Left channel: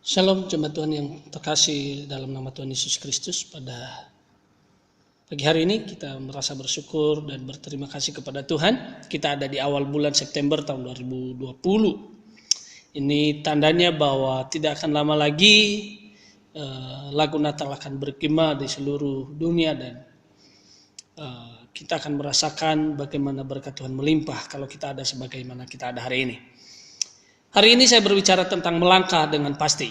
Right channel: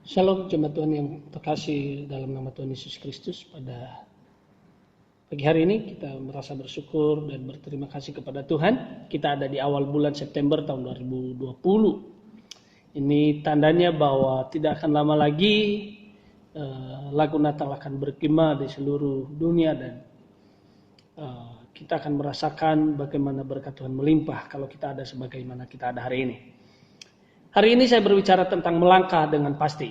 Shalom jemaat Tuhan yang terkasih dalam nama Tuhan Yesus Kristus. Pada pagi hari ini kita merasa bersyukur dan berterima kasih kepada Tuhan. Kita ada di awal bulan September tahun 2020. Ini tandanya bahwa tidak akan lama lagi lagu Natal akan bergema di seluruh dunia dan kita akan merasakan bagaimana berkat Tuhan melimpah kalau kita ada sebagaimana kita ada hari ini. Hari ini saya berbicara tentang melangkah dengan pasti.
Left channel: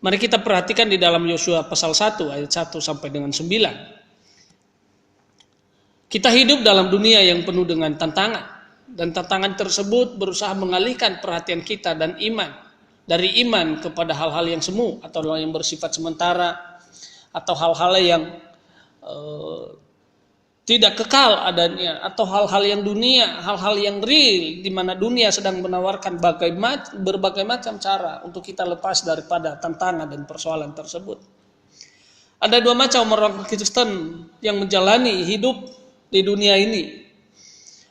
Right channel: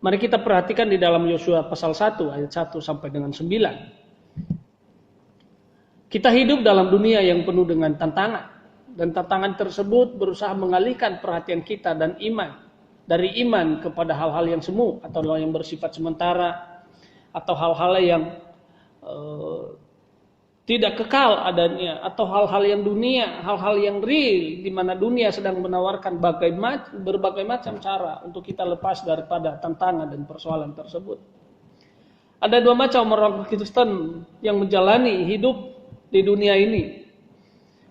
Mari kita perhatikan di dalam Yosua pasal 1 ayat 1 sampai dengan 9. Kita hidup dalam dunia yang penuh dengan tantangan. Dan tantangan tersebut berusaha mengalihkan perhatian kita dan iman. Dari iman kepada hal-hal yang semu atau yang bersifat sementara. Atau hal-hal yang tidak kekal adanya, atau hal-hal yang dunia, hal-hal yang real, di mana dunia sedang menawarkan berbagai macam cara untuk kita lepas daripada tantangan dan persoalan tersebut. Ada dua macam orang Kristen yang menjalani hidup di dunia ini.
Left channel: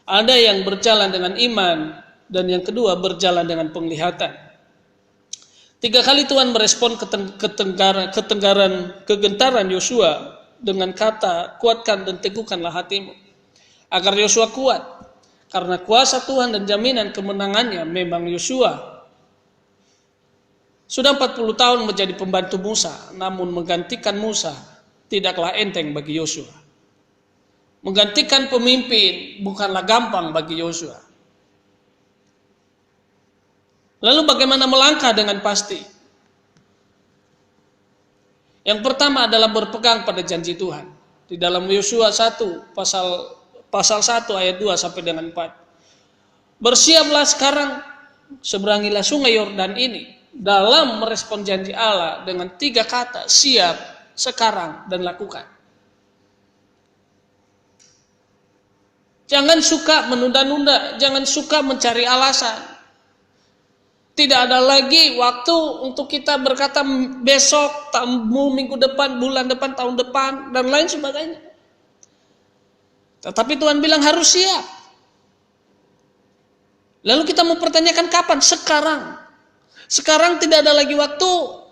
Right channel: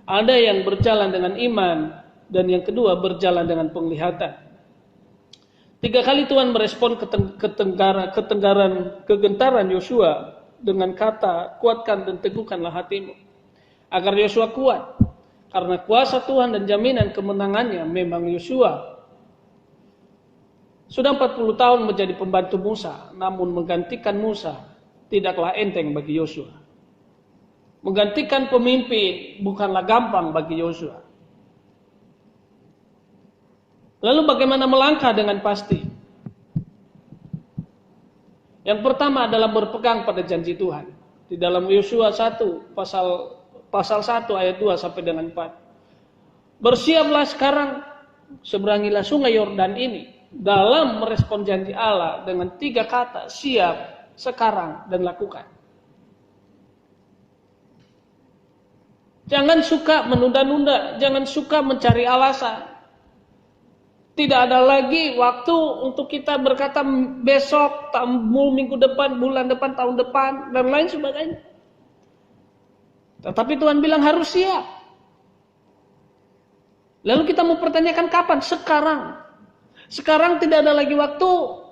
Ada yang berjalan dengan iman, dan yang kedua berjalan dengan penglihatan. 3 kali Tuhan merespon kegentaran Yosua dengan kata, kuatkan dan teguhkanlah hatimu. Agar Yosua kuat. Karena kuasa Tuhan dan jaminan kemenangannya, memang Yosua sudah 40 tahun menjadi pembantu Musa. Namun menggantikan Musa tidaklah enteng bagi Yosua. Menggantikan pemimpin bukanlah gampang bagi Yosua. Lalu bagaimana melangkah dengan pasti? Yang pertama adalah berpegang pada janji Tuhan. Di dalam Yosua 1 pasal 1 ayat 2 sampai dengan 4. Bersiaplah sekarang, seberangilah sungai Yordan ini, dalam merespon janji Allah dengan 3 kata, siap, sekarang, dan lakukan. Jangan suka menunda-nunda, jangan suka mencari alasan. Tidak ada lagi waktu untuk kita berkata besok, minggu depan, bulan depan, tahun depan, dan lain sebagainya. Tetapi Tuhan bilang harus siap. Lalu kita mempertanyakan kapan? Sekarang. Sekarang tidak ada lagi waktu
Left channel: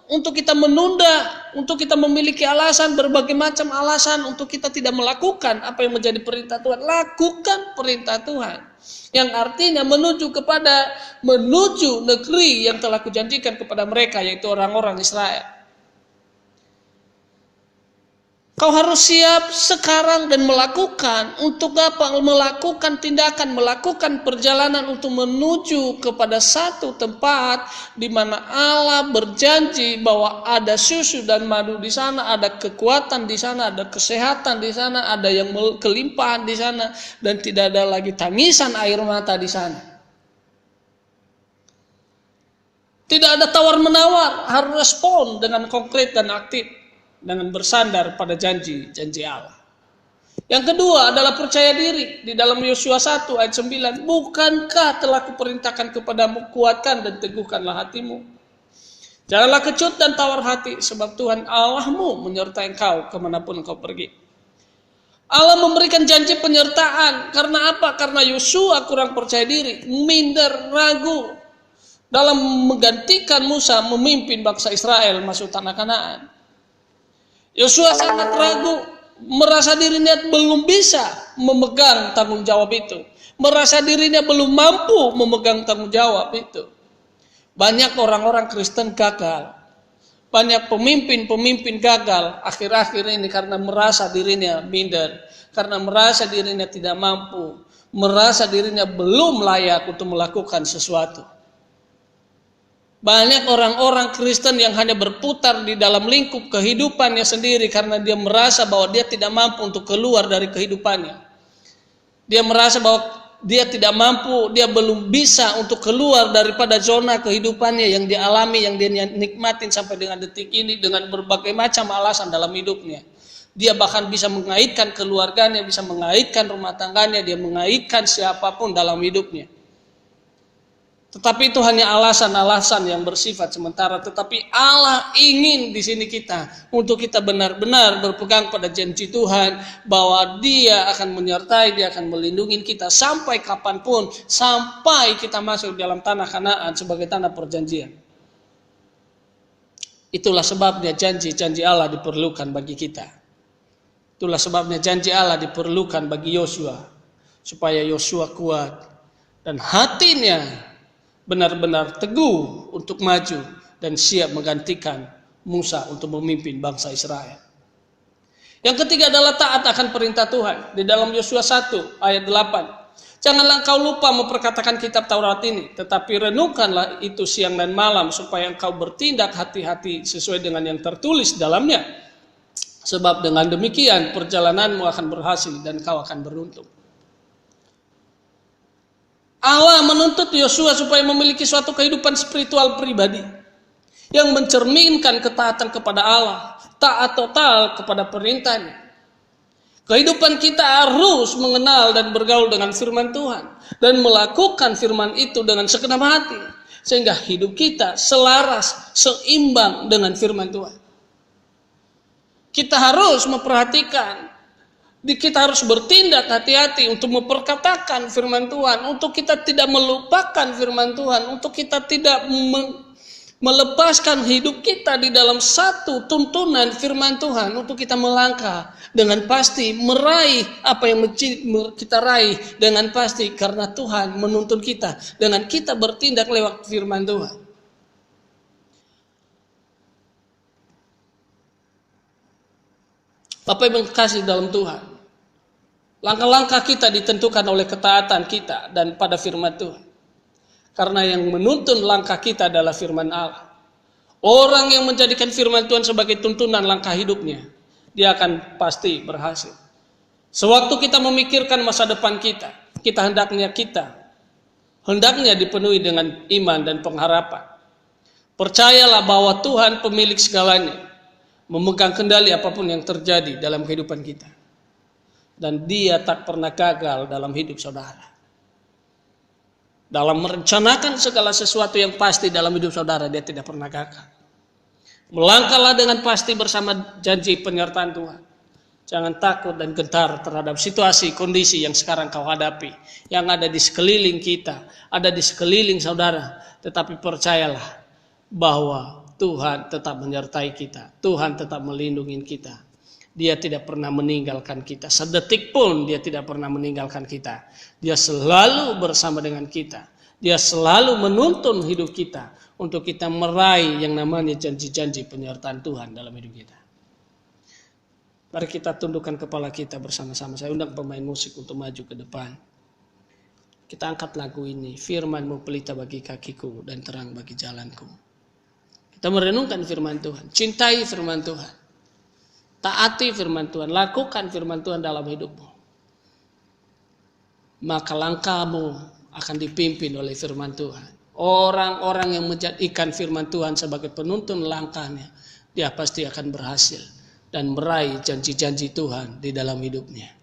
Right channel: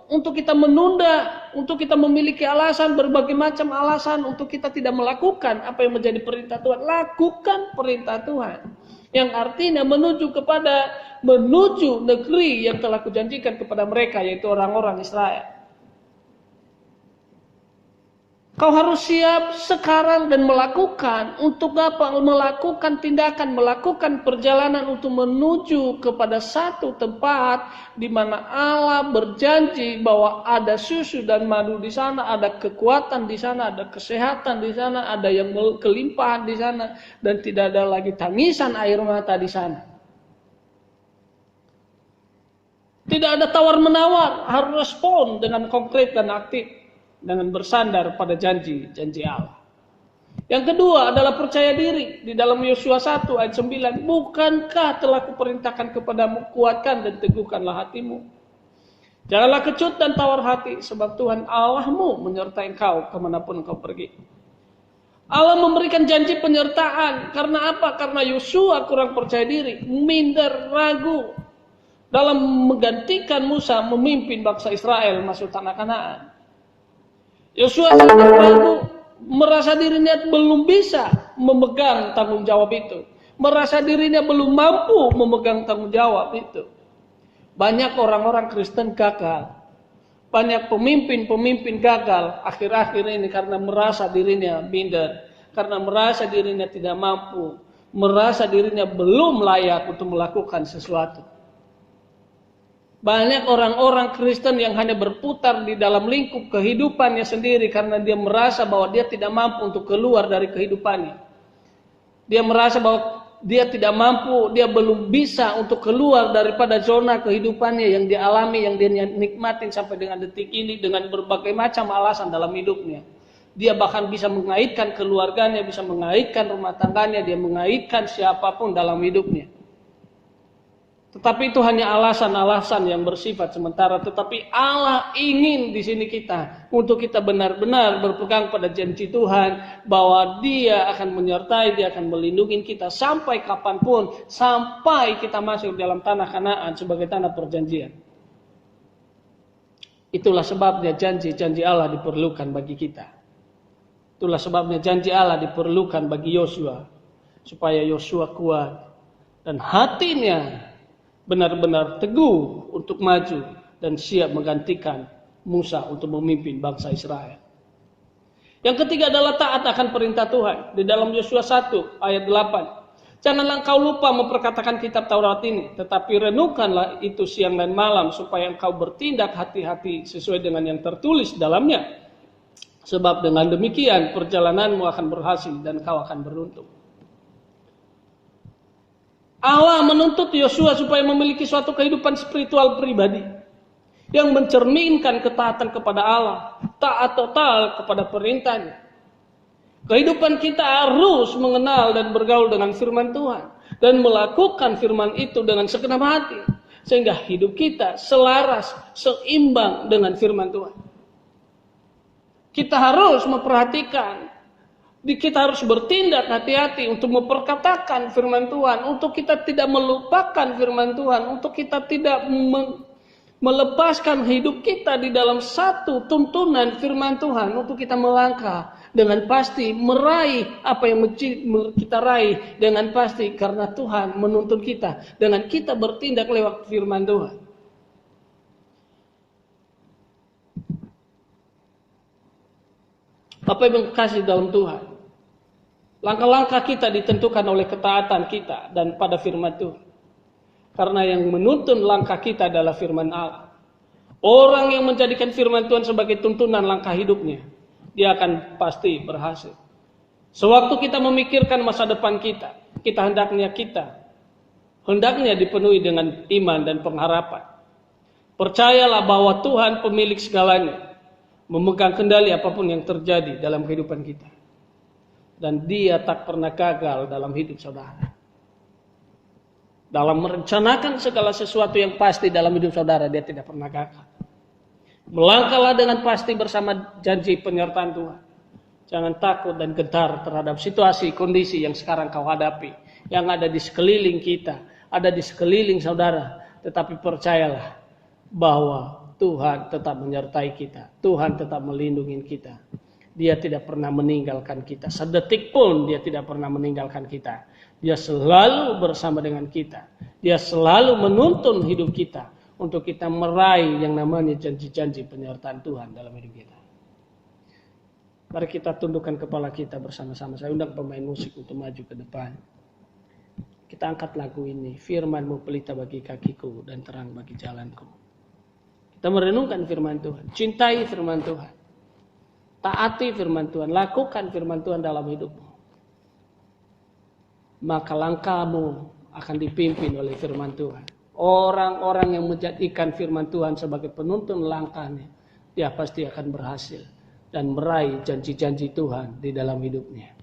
untuk kita menunda, untuk kita memiliki alasan, berbagai macam alasan untuk kita tidak melakukan apa yang menjadi perintah Tuhan. Lakukan perintah Tuhan. Yang artinya menuju negeri yang telah kujanjikan kepada mereka, yaitu orang-orang Israel. Kau harus siap sekarang dan melakukan. Untuk apa? Melakukan tindakan, melakukan perjalanan untuk menuju kepada satu tempat di mana Allah berjanji bahwa ada susu dan madu di sana, ada kekuatan di sana, ada kesehatan di sana, ada yang kelimpahan di sana, dan tidak ada lagi tangisan air mata di sana. Tidak ada tawar-menawar, harus respon dengan konkret dan aktif. Dengan bersandar pada janji Allah. Yang kedua adalah percaya diri. Di dalam Yosua 1 ayat 9. Bukankah telah kuperintahkan kepadamu, kuatkan dan teguhkanlah hatimu. Janganlah kecut dan tawar hati, sebab Tuhan Allahmu menyertai engkau kemanapun engkau pergi. Allah memberikan janji penyertaan. Karena apa? Karena Yosua kurang percaya diri, minder, ragu dalam menggantikan Musa memimpin bangsa Israel masuk tanah Kanaan. Yosua sangat ragu, merasa dirinya belum bisa memegang tanggung jawab itu. Merasa dirinya belum mampu memegang tanggung jawab itu. Banyak orang-orang Kristen gagal. Banyak pemimpin-pemimpin gagal akhir-akhir ini karena merasa dirinya minder. Karena merasa dirinya tidak mampu. Merasa dirinya belum layak untuk melakukan sesuatu. Banyak orang-orang Kristen yang hanya berputar di dalam lingkup kehidupannya sendiri karena dia merasa bahwa dia tidak mampu untuk keluar dari kehidupannya. Dia merasa bahwa dia tidak mampu, dia belum bisa untuk keluar daripada zona kehidupannya yang dialami, yang dia nikmatin sampai dengan detik ini dengan berbagai macam alasan dalam hidupnya. Dia bahkan bisa mengaitkan keluarganya, bisa mengaitkan rumah tangganya, dia mengaitkan siapapun dalam hidupnya. Tetapi itu hanya alasan-alasan yang bersifat sementara. Tetapi Allah ingin di sini kita untuk kita benar-benar berpegang pada janji Tuhan bahwa Dia akan menyertai, Dia akan melindungi kita sampai kapanpun, sampai kita masuk dalam tanah Kanaan sebagai tanah perjanjian. Itulah sebabnya janji-janji Allah diperlukan bagi kita. Itulah sebabnya janji Allah diperlukan bagi Yosua, supaya Yosua kuat dan hatinya benar-benar teguh untuk maju dan siap menggantikan Musa untuk memimpin bangsa Israel. Yang ketiga adalah taat akan perintah Tuhan. Di dalam Yosua 1 ayat 8. Janganlah engkau lupa memperkatakan kitab Taurat ini, tetapi renungkanlah itu siang dan malam, supaya engkau bertindak hati-hati sesuai dengan yang tertulis dalamnya. Sebab dengan demikian perjalananmu akan berhasil dan kau akan beruntung. Allah menuntut Yosua supaya memiliki suatu kehidupan spiritual pribadi yang mencerminkan ketaatan kepada Allah, taat total kepada perintahnya. Kehidupan kita harus mengenal dan bergaul dengan firman Tuhan dan melakukan firman itu dengan segenap hati, sehingga hidup kita selaras, seimbang dengan firman Tuhan. Kita harus memperhatikan, kita harus bertindak hati-hati untuk memperkatakan firman Tuhan, untuk kita tidak melupakan firman Tuhan, untuk kita tidak melepaskan hidup kita di dalam satu tuntunan firman Tuhan, untuk kita melangkah dengan pasti meraih apa yang kita raih dengan pasti, karena Tuhan menuntun kita dengan kita bertindak lewat firman Tuhan. Bapak Ibu kasih dalam Tuhan, langkah-langkah kita ditentukan oleh ketaatan kita dan pada firman Tuhan. Karena yang menuntun langkah kita adalah firman Allah. Orang yang menjadikan firman Tuhan sebagai tuntunan langkah hidupnya, dia akan pasti berhasil. Sewaktu kita memikirkan masa depan kita hendaknya dipenuhi dengan iman dan pengharapan. Percayalah bahwa Tuhan pemilik segalanya, memegang kendali apapun yang terjadi dalam kehidupan kita. Dan Dia tak pernah gagal dalam hidup saudara. Dalam merencanakan segala sesuatu yang pasti dalam hidup saudara, Dia tidak pernah gagal. Melangkahlah dengan pasti bersama janji penyertaan Tuhan. Jangan takut dan gentar terhadap situasi, kondisi yang sekarang kau hadapi, yang ada di sekeliling kita, ada di sekeliling saudara. Tetapi percayalah bahwa Tuhan tetap menyertai kita. Tuhan tetap melindungi kita. Dia tidak pernah meninggalkan kita. Sedetik pun Dia tidak pernah meninggalkan kita. Dia selalu bersama dengan kita. Dia selalu menuntun hidup kita untuk kita meraih yang namanya janji-janji penyertaan Tuhan dalam hidup kita. Mari kita tundukkan kepala kita bersama-sama. Saya undang pemain musik untuk maju ke depan. Kita angkat lagu ini. Firman-Mu pelita bagi kakiku dan terang bagi jalanku. Kita merenungkan firman Tuhan. Cintai firman Tuhan. Taati firman Tuhan, lakukan firman Tuhan dalam hidupmu. Maka langkahmu akan dipimpin oleh firman Tuhan. Orang-orang yang menjadikan firman Tuhan sebagai penuntun langkahnya, dia pasti akan berhasil dan meraih janji-janji Tuhan di dalam hidupnya.